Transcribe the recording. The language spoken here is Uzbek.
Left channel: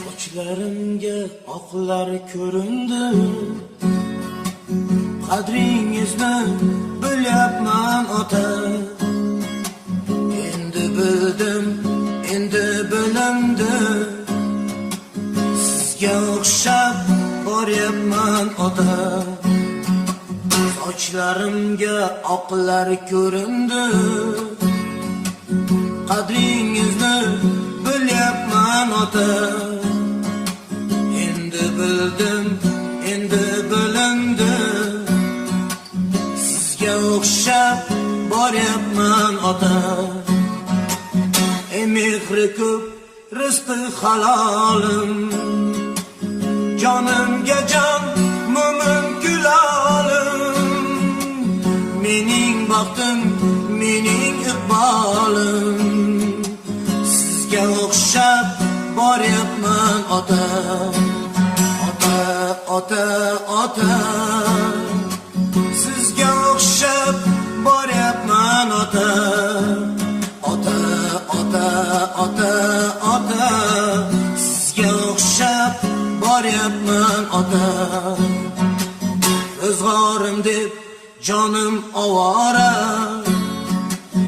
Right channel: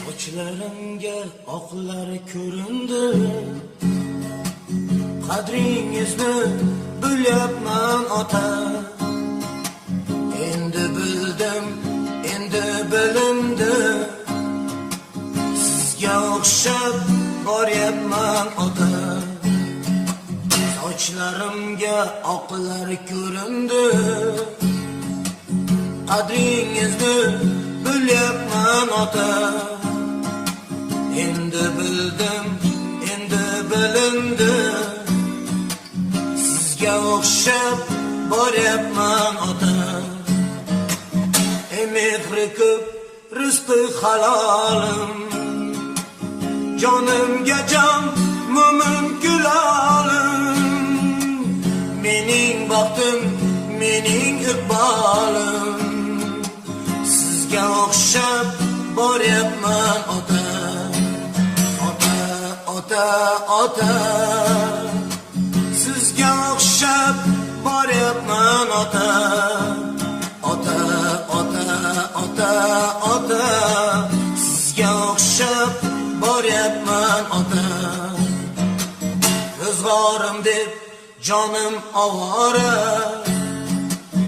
Sochlarimga oqlar ko'rindi, qadringizni bilyapman ota. Endi bildim, endi bilindi, sizga o'xshab boryapman ota. Sochlarimga oqlar ko'rindi, qadringizni bilyapman ota. Endi bildim, endi bilindi, sizga o'xshab boryapman ota. Mehri ko'p, rizqi halolim, jonimga jon, mo'min kulolim. Mening baxtim, mening iqbolim, sizga o'xshab boryapman ota. Ota, ota, ota, sizga o'xshab boryapman ota. Ota, ota, ota, ota, sizga o'xshab boryapman ota. Ro'zg'orim deb jonim ovora,